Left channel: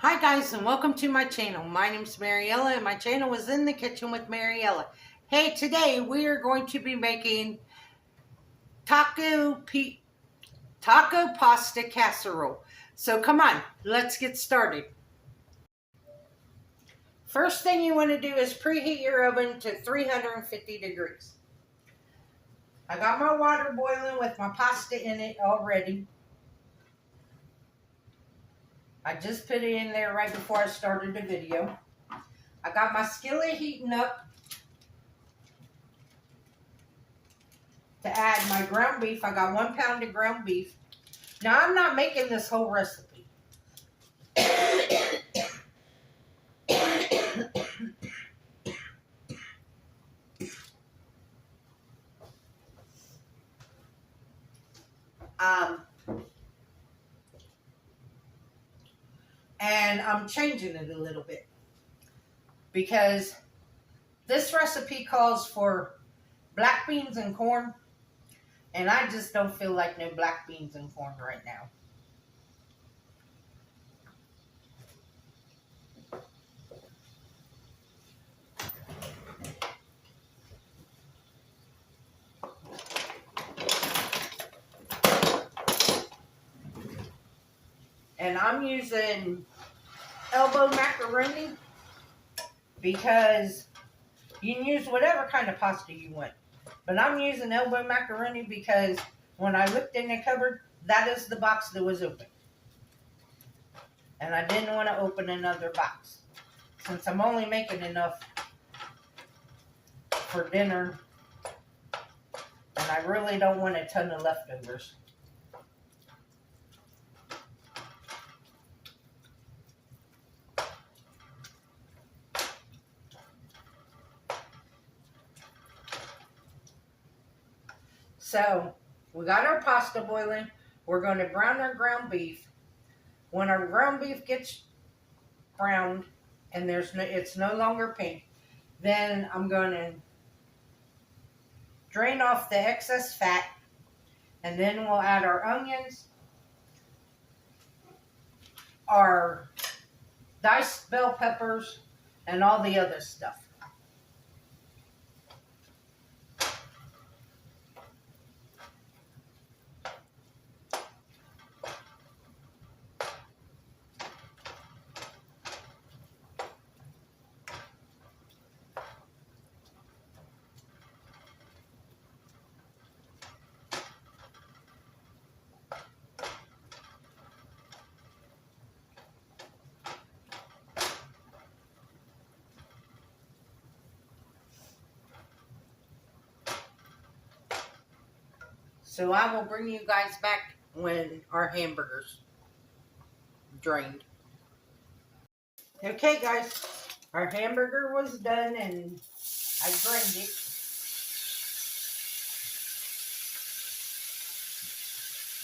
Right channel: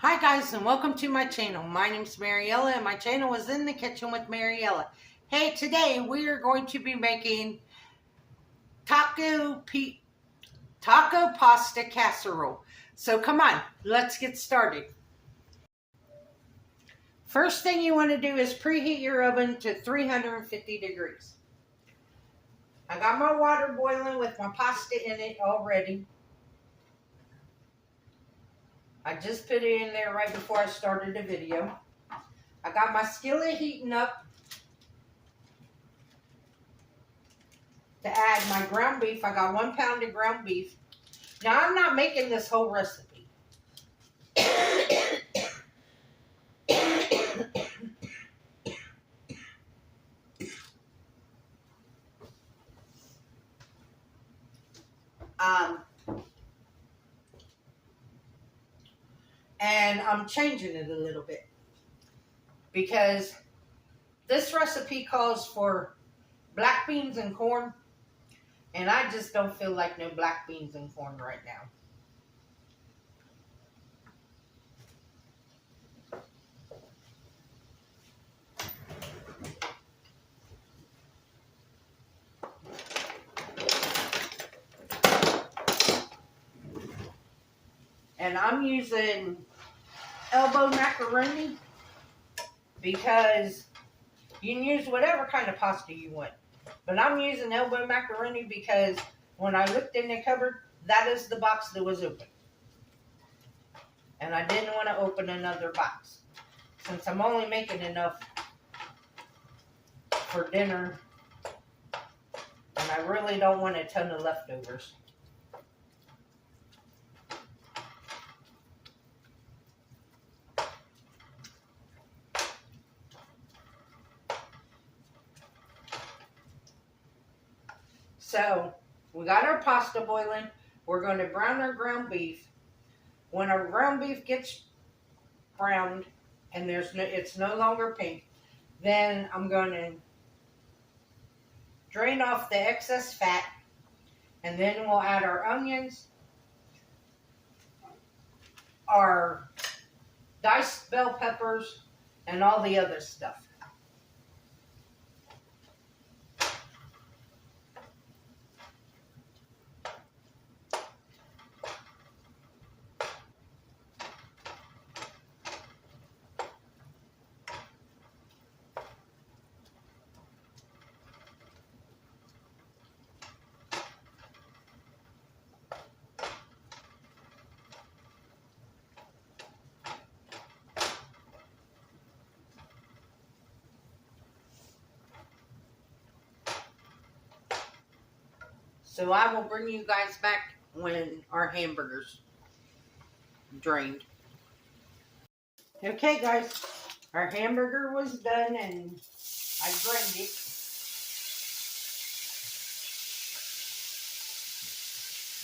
Hi guys and welcome to my channel. My name is Mariella and my channel is In the Kitchen with Mariella. Hey, today we are going to be making taco pasta casserole. So come on, let's get started. First thing you want to do is preheat your oven to 350 degrees. I got my water boiling with my pasta in it already. I just put it in there right before I started the video. I got my skillet heating up to add my ground beef. I got 1 pound of ground beef. Now I'm not making this whole recipe. And I'm changing it a little bit because this recipe calls for black beans and corn, and I just don't feel like no black beans and corn right now. And I'm using elbow macaroni because you can use whatever kind of pasta you want. But I'm using elbow macaroni because when I looked in the cupboard, that is the box that was open. And I didn't want to open another box since I'm only making enough for dinner. And I really don't want a ton of leftovers. So, we got our pasta boiling. We're going to brown our ground beef. When our ground beef gets browned and it's no longer pink, then I'm going to drain off the excess fat, and then we'll add our onions, our diced bell peppers, and all the other stuff. So I will bring you guys back when our hamburger's drained. Okay guys, our hamburger was done and I drained it.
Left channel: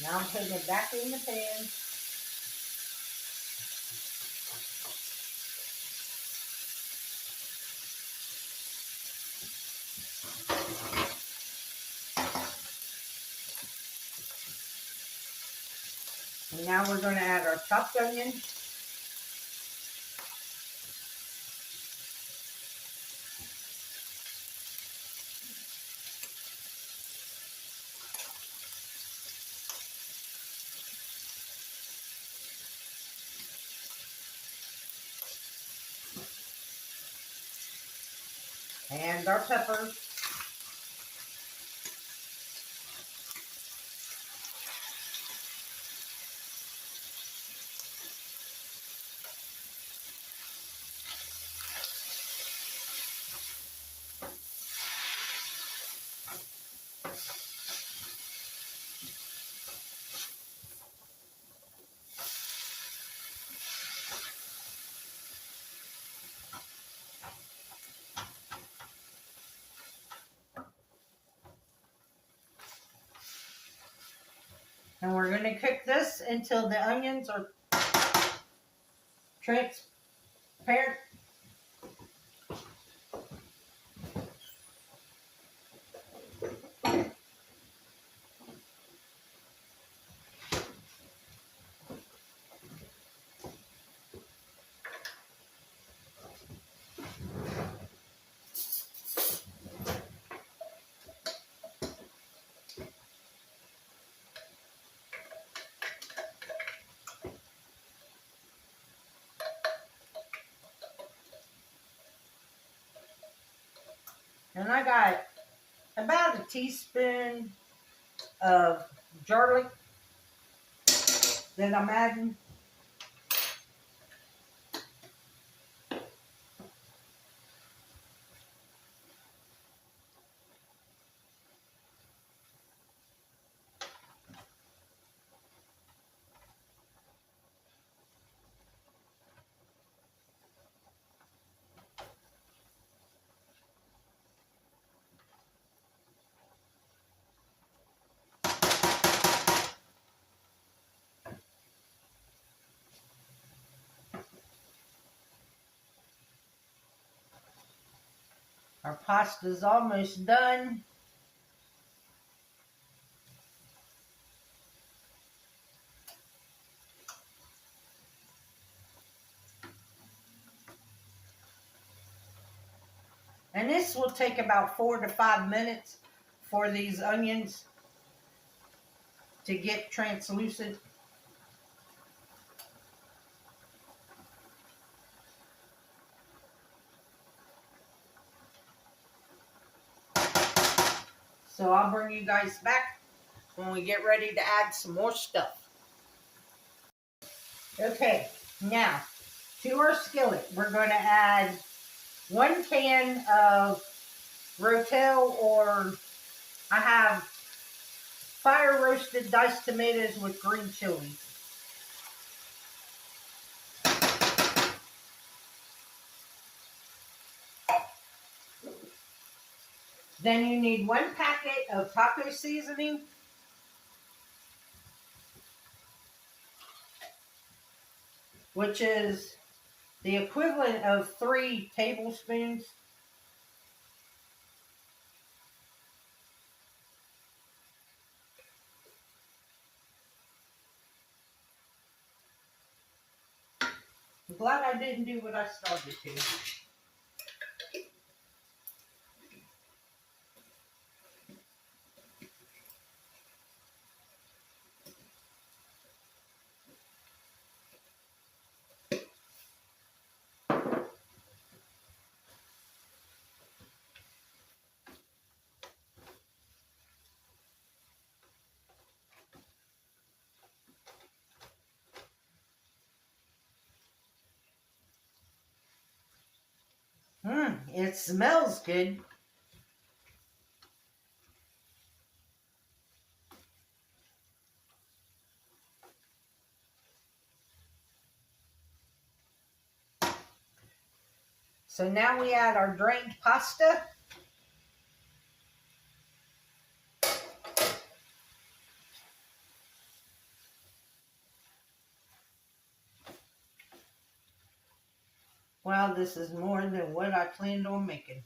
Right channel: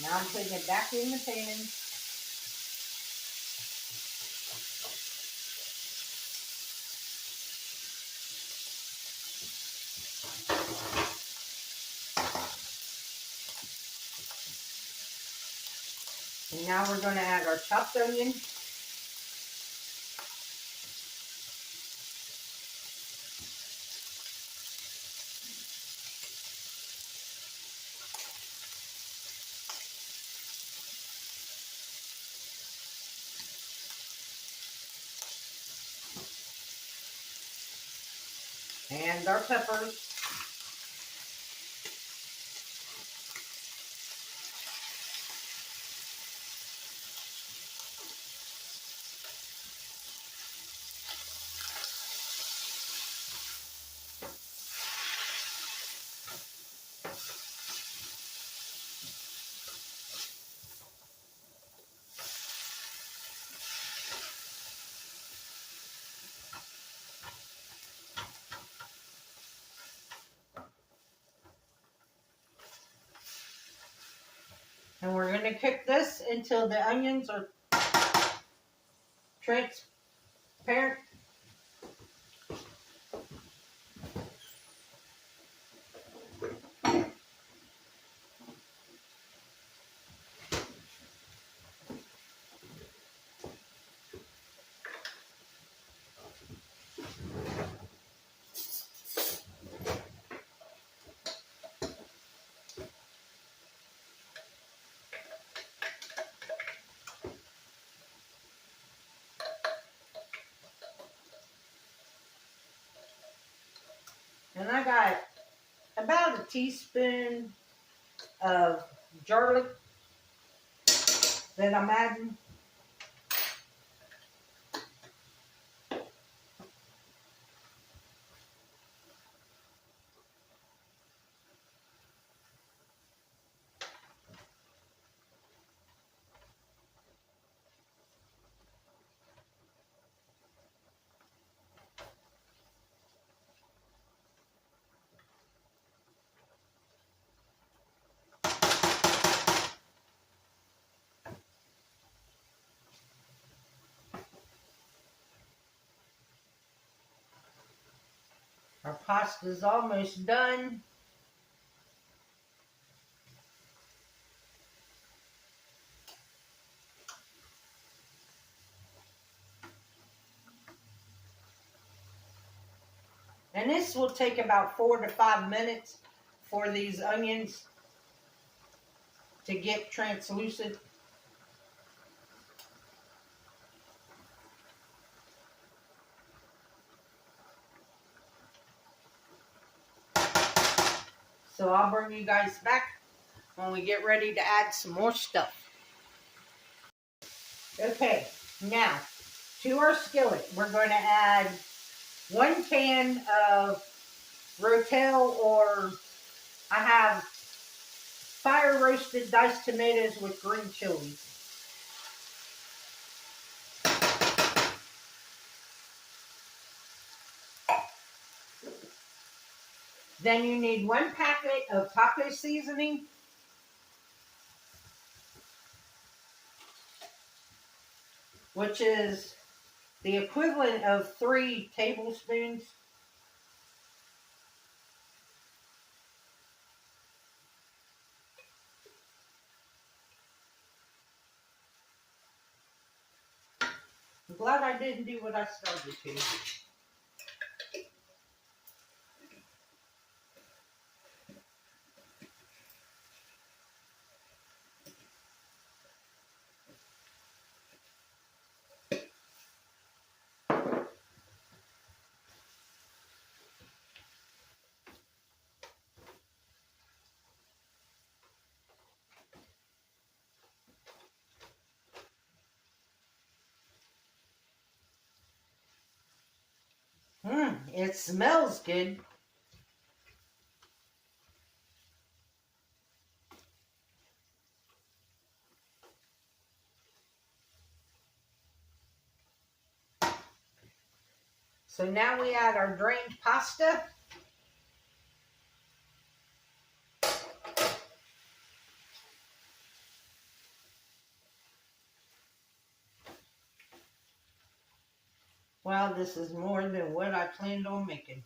Now I'm putting it back in the pan. And now we're going to add our chopped onion. And our peppers. And we're going to cook this until the onions are transparent. And I got about a teaspoon of garlic that I'm adding. Our pasta's almost done. And this will take about 4 to 5 minutes for these onions to get translucent. So I'll bring you guys back when we get ready to add some more stuff. Okay, now to our skillet, we're going to add 1 can of Rotel, or I have fire roasted diced tomatoes with green chilies. Then you need 1 packet of taco seasoning, which is the equivalent of 3 tablespoons. I'm glad I didn't do what I started to. It smells good. So now we add our drained pasta. Wow, this is more than what I planned on making.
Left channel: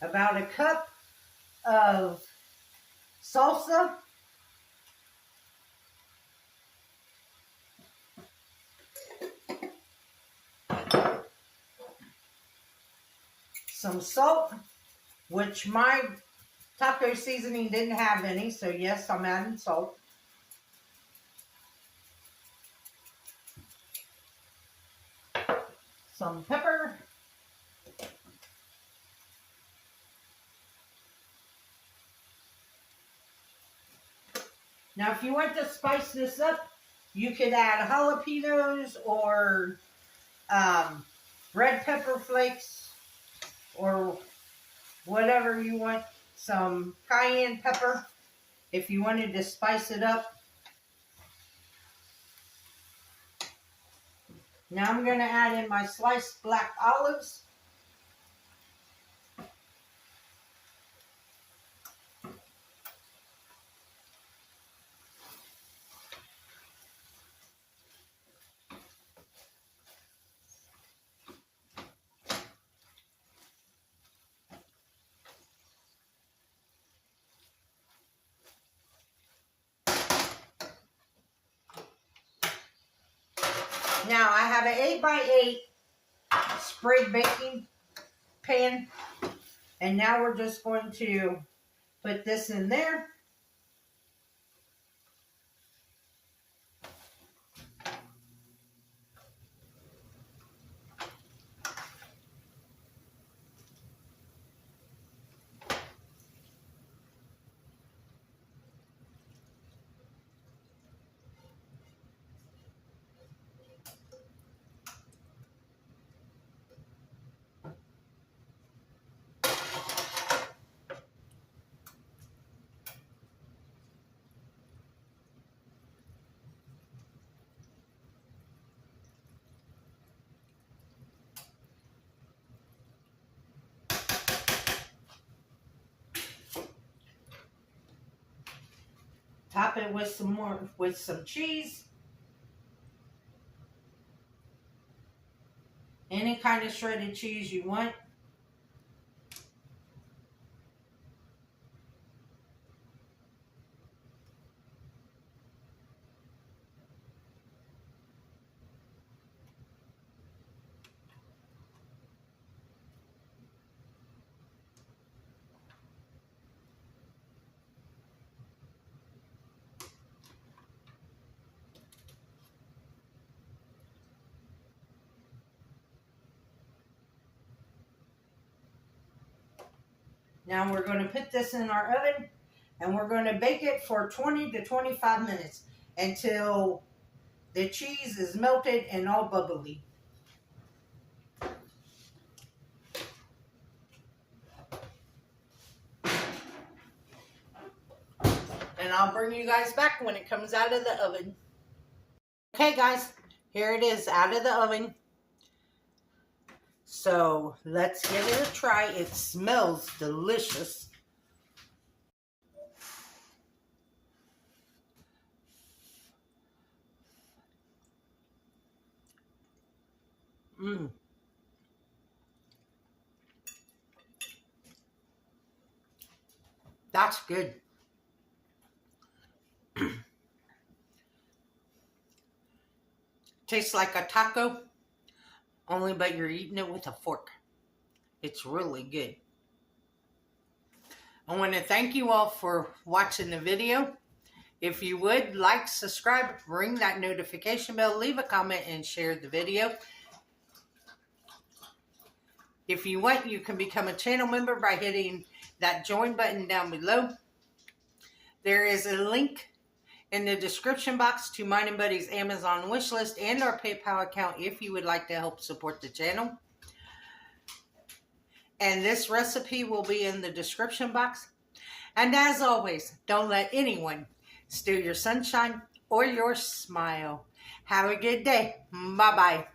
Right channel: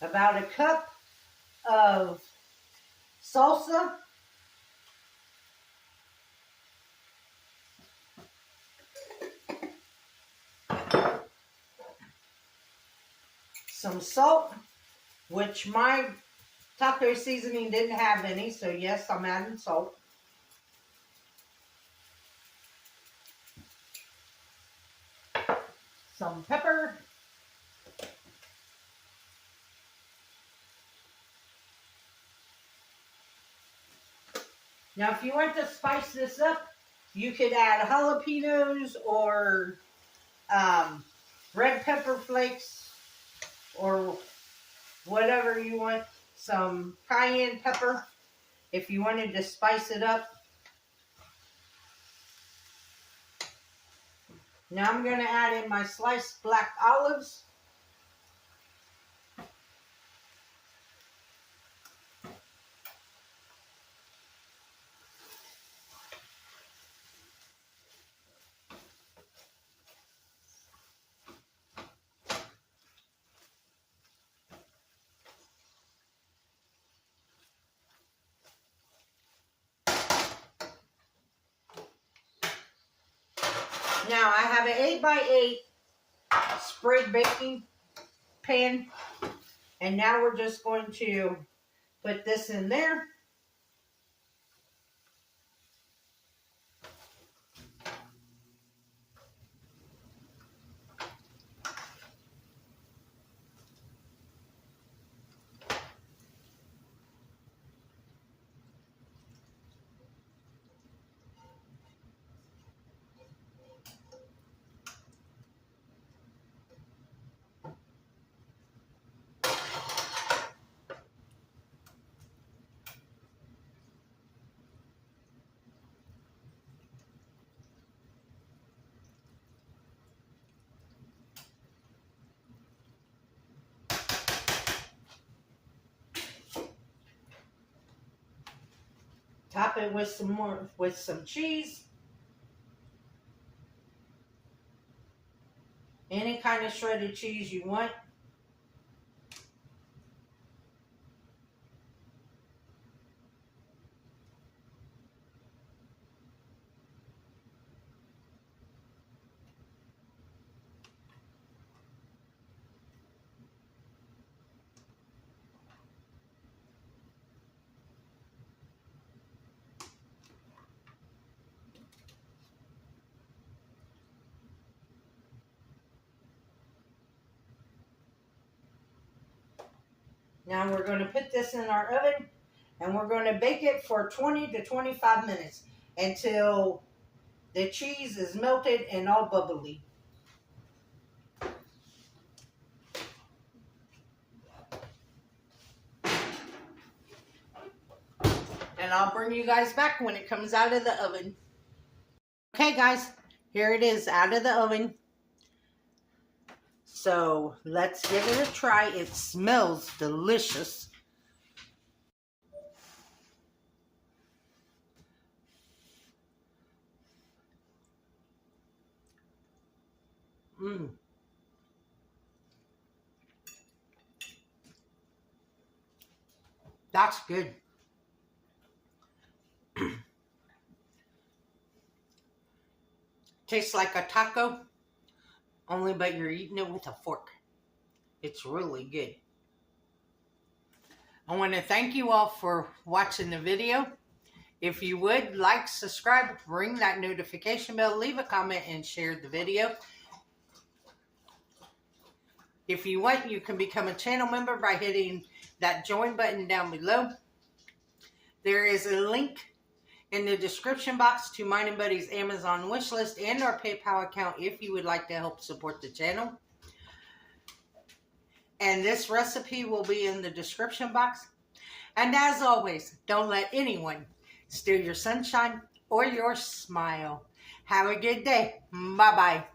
About a cup of salsa. Some salt, which my taco seasoning didn't have any, so yes, I'm adding salt. Some pepper. Now, if you want to spice this up, you could add jalapenos or red pepper flakes or whatever you want. Some cayenne pepper if you wanted to spice it up. Now I'm going to add in my sliced black olives. Now I have an 8x8 spread baking pan, and now we're just going to put this in there. Top it with some cheese. Any kind of shredded cheese you want. Now we're going to put this in our oven and we're going to bake it for 20 to 25 minutes until the cheese is melted and all bubbly. And I'll bring you guys back when it comes out of the oven. Okay guys, here it is out of the oven. So let's give it a try. It smells delicious. That's good. Tastes like a taco, only but you're eating it with a fork. It's really good. I want to thank you all for watching the video. If you would, like, subscribe, ring that notification bell, leave a comment, and share the video. If you want, you can become a channel member by hitting that join button down below. There is a link in the description box to mine and Buddy's Amazon wish list and our PayPal account if you would like to help support the channel. And this recipe will be in the description box. And as always, don't let anyone steal your sunshine or your smile. Have a good day. Bye-bye.